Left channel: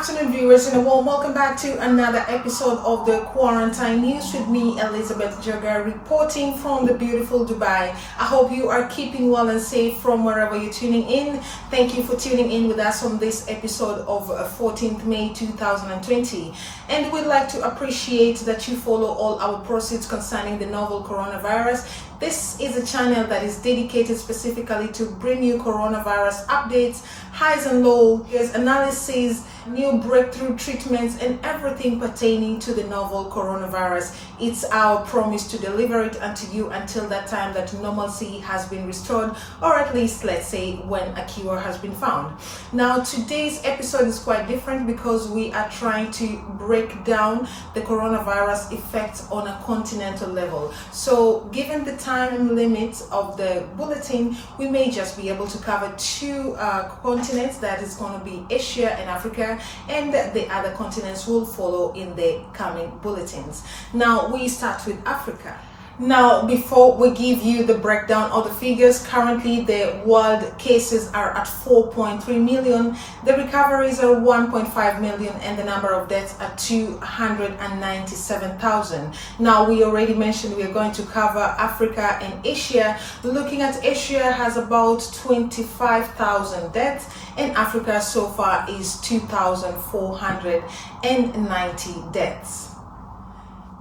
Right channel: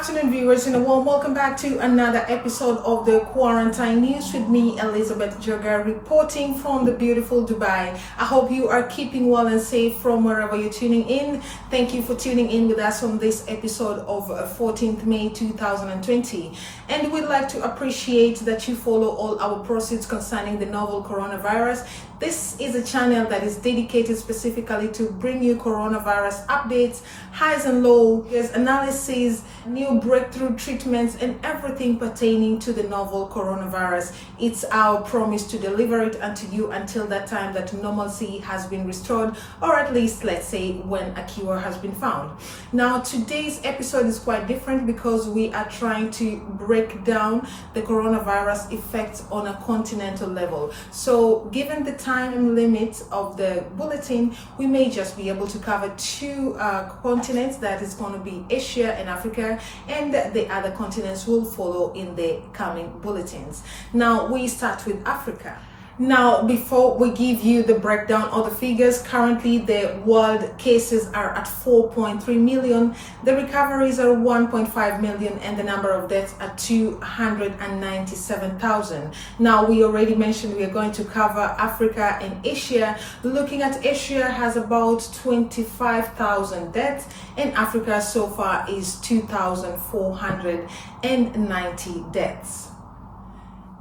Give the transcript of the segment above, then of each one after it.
afternoon, viewers, and a warm welcome back to another episode of the Quarantine News with me, Elizabeth Joga, reporting from the beautiful Dubai. I hope you are keeping well and safe from wherever you're tuning in. Thank you for tuning in with us on this episode of 14th May 2020. And we'd like to appreciate that you follow all our proceeds concerning the novel coronavirus. This is a channel that is dedicated specifically to bring you coronavirus updates, highs and lows, analysis, new breakthrough treatments, and everything pertaining to the novel coronavirus. It's our promise to deliver it unto you until that time that normalcy has been restored, or at least, let's say, when a cure has been found. Now, today's episode is quite different because we are trying to break down the coronavirus effects on a continental level. So, given the time limit of the bulletin, we may just be able to cover two continents, that is going to be Asia and Africa, and the other continents will follow in the coming bulletins. Now we start with Africa. Now, before we give you the breakdown of the figures, currently the world cases are at 4.3 million, the recoveries are 1.5 million, and the number of deaths are 297,000. Now, we already mentioned we are going to cover Africa and Asia. Looking at Asia has about 25,000 deaths, and Africa so far is 2,490 deaths.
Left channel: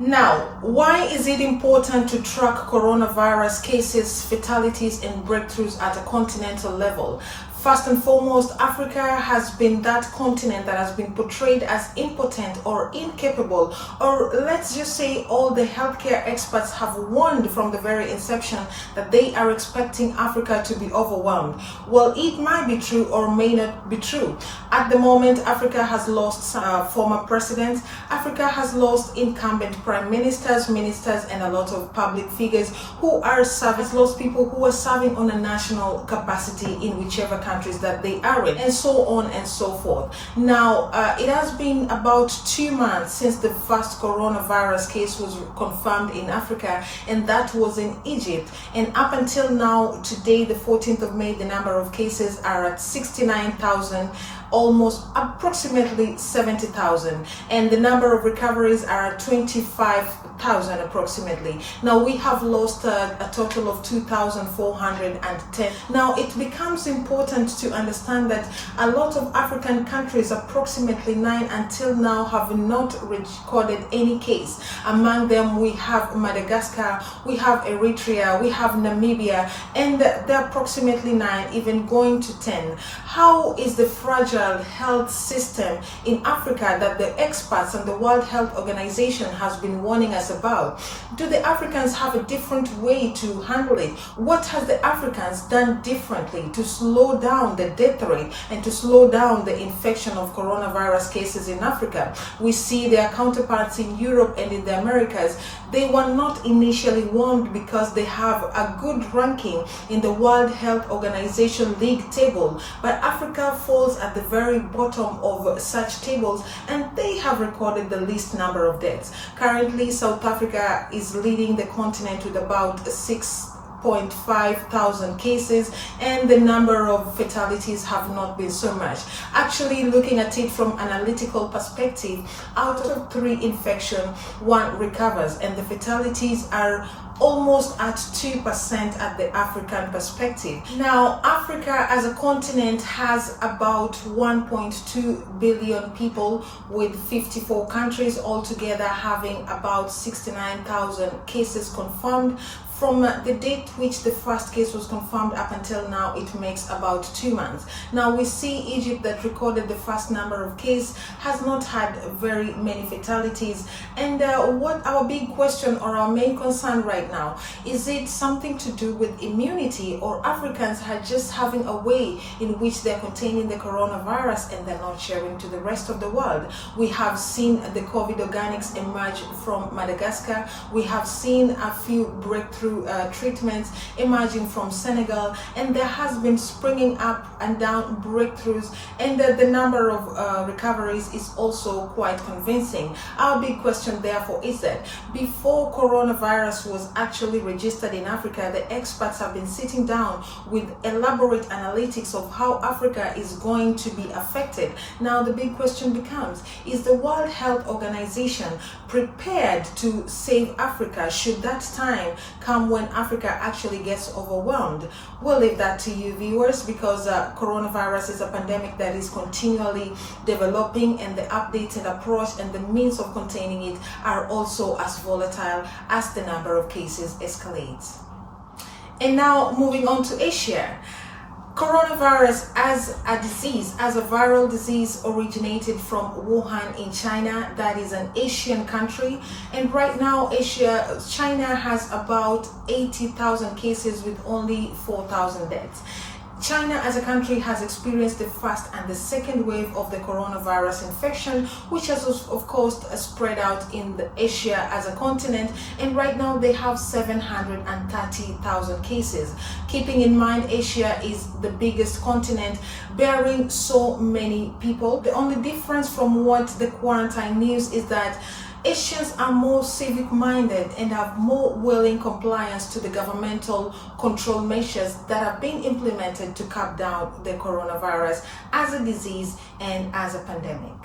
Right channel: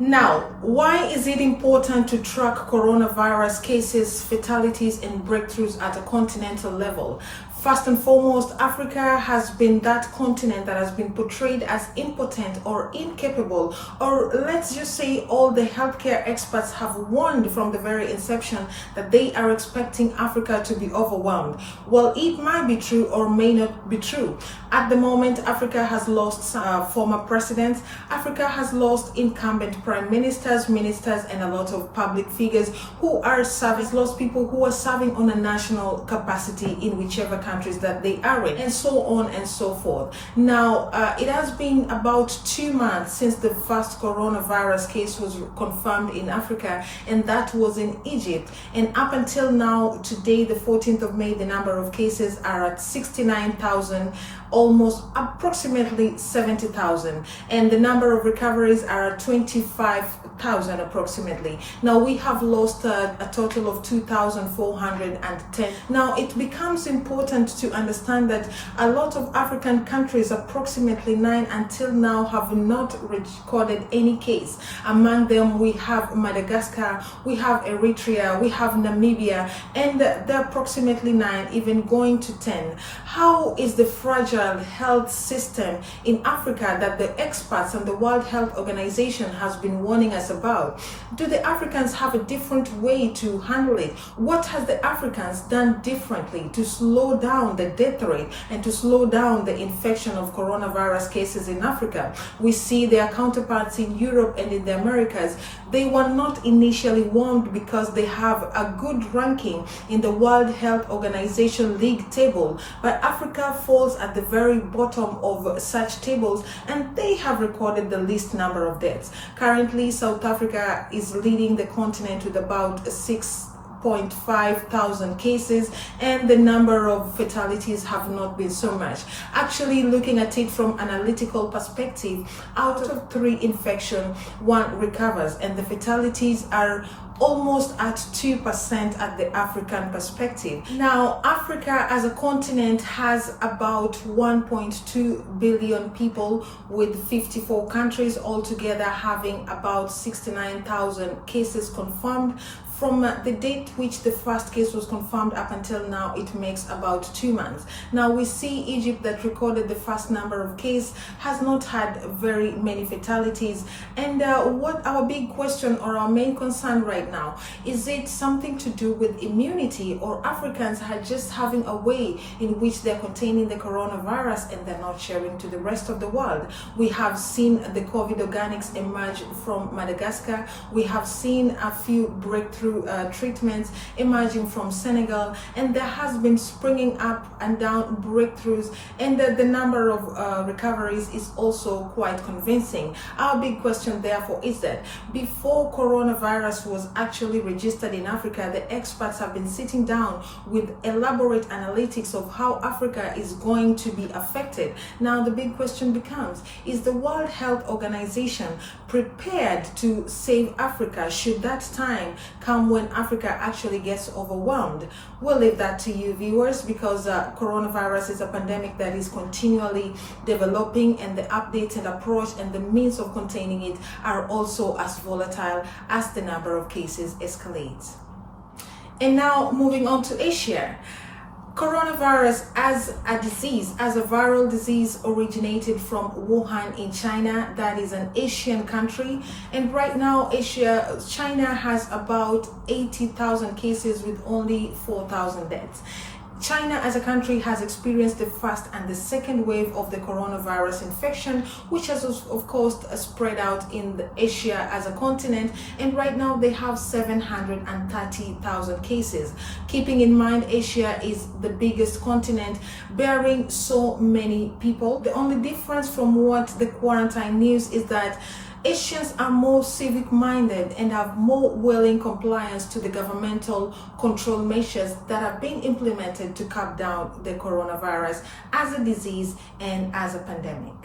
Now, why is it important to track coronavirus cases, fatalities, and breakthroughs at a continental level? First and foremost, Africa has been that continent that has been portrayed as impotent or incapable, or let's just say all the healthcare experts have warned from the very inception that they are expecting Africa to be overwhelmed. Well, it might be true or may not be true. At the moment, Africa has lost former presidents. Africa has lost incumbent prime ministers, and a lot of public figures who are serving. It's lost people who are serving on a national capacity in whichever countries that they are in, and so on and so forth. Now, it has been about 2 months since the first coronavirus case was confirmed in Africa, and that was in Egypt. And up until now, today, the 14th of May, the number of cases are at 69,000, almost approximately 70,000, and the number of recoveries are at 25,000 approximately. Now we have lost a total of 2,410. Now it becomes important to understand that a lot of African countries, approximately 9 until now, have not recorded any case. Among them we have Madagascar, we have Eritrea, we have Namibia, and there are approximately 9, even going to 10. How is the fragile health system in Africa that the experts and the World Health Organization has been warning us about? Do the Africans have a different way to handle it? What has the Africans done differently to slow down the death rate and to slow down the infection of coronavirus cases in Africa? We see their counterparts in Europe and in the Americas. They were not initially warned because they have a good ranking in the World Health Organization league table, but Africa falls at the very bottom of such tables, and they have recorded the least number of deaths. Currently, South Africa is leading the continent with about 6,500 cases, and the number of fatalities have not been so much. Actually, looking at it from analytical perspective, out of 3 infection, 1 recovers, and the fatalities are almost at 2% at the African perspective. Now, Africa as a continent has about 1.2 billion people, with 54 countries altogether having about 69,000 cases confirmed. From the date which the first case was confirmed up until now, it makes about 2 months. Now we see Egypt, that recorded the first number of cases, has not had very many fatalities. And what our big question or our main concern right now, is it something to do with immunity, or Africans are just having a way in which they're containing the coronavirus and they're not sharing to the rest of the world? We have seen the COVID organics emerge from Madagascar. We have seen a few breakthroughs breakthrough treatments emerging from Senegal, and there has been springing up and down breakthroughs, and the number of recoveries is also quite convincing. Our big question therefore is that before coronavirus was actually registered in Africa, the experts have been sitting down with elaborate analytics of how Africa is going to be affected. Now the big question becomes, is the World Health Organization prepared to save Africa should that time come when Africa actually gets overwhelmed? We'll leave that to you viewers, because coronavirus is a pandemic that is continually developing, and the updated approach and the means of containing it are also as volatile as the number of cases escalates. And now moving on to Asia. Coronavirus as a disease, as a viral disease, originated from Wuhan in China. That is an Asian country, and right now China has about 80,000 cases with only 4,000 deaths. China as a country has experienced the first and the second wave of the coronavirus infection, which has of course spread out in Asia as a continent, and right now they have 730,000 cases. Keeping in mind Asia is the biggest continent bearing so many people. The only difference from what the quarantine news is that Asians are more civic-minded and have more willing compliance to the governmental control measures that have been implemented to curb down the coronavirus as a disease and as a pandemic.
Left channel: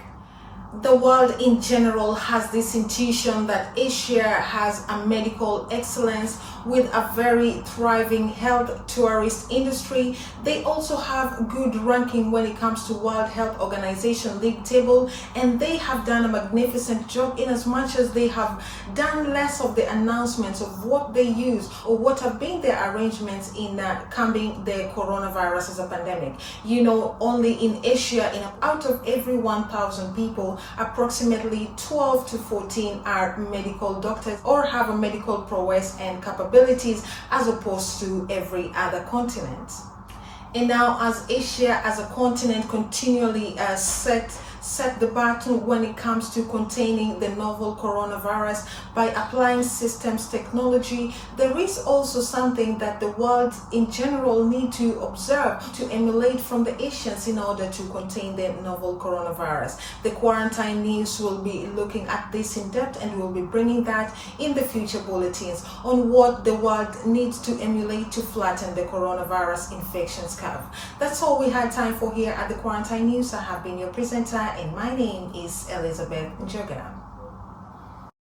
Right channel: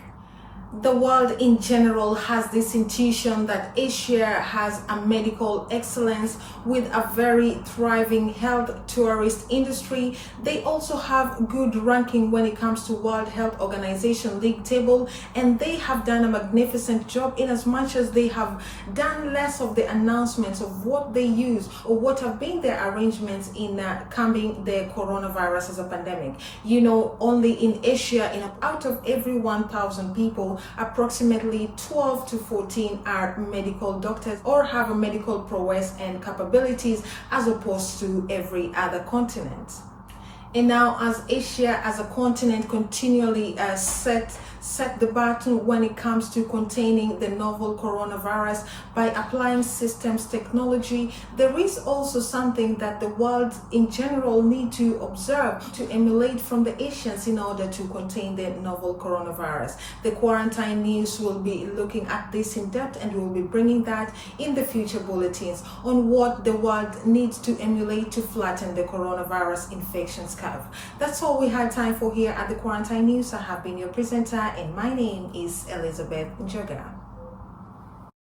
The world in general has this intuition that Asia has a medical excellence with a very thriving health tourist industry. They also have good ranking when it comes to World Health Organization league table, and they have done a magnificent job in as much as they have done less of the announcements of what they use or what have been their arrangements in curbing the coronavirus as a pandemic. You know, only in Asia, out of every 1,000 people, approximately 12 to 14 are medical doctors or have a medical prowess and capabilities, as opposed to every other continent. And now, as Asia as a continent continually set the baton when it comes to containing the novel coronavirus by applying systems technology, there is also something that the world in general need to observe, to emulate from the Asians in order to contain the novel coronavirus. The quarantine news will be looking at this in depth, and we'll be bringing that in the future bulletins on what the world needs to emulate to flatten the coronavirus infections curve. That's all we had time for here at the Quarantine News. I have been your presenter, and my name is Elizabeth Njoga.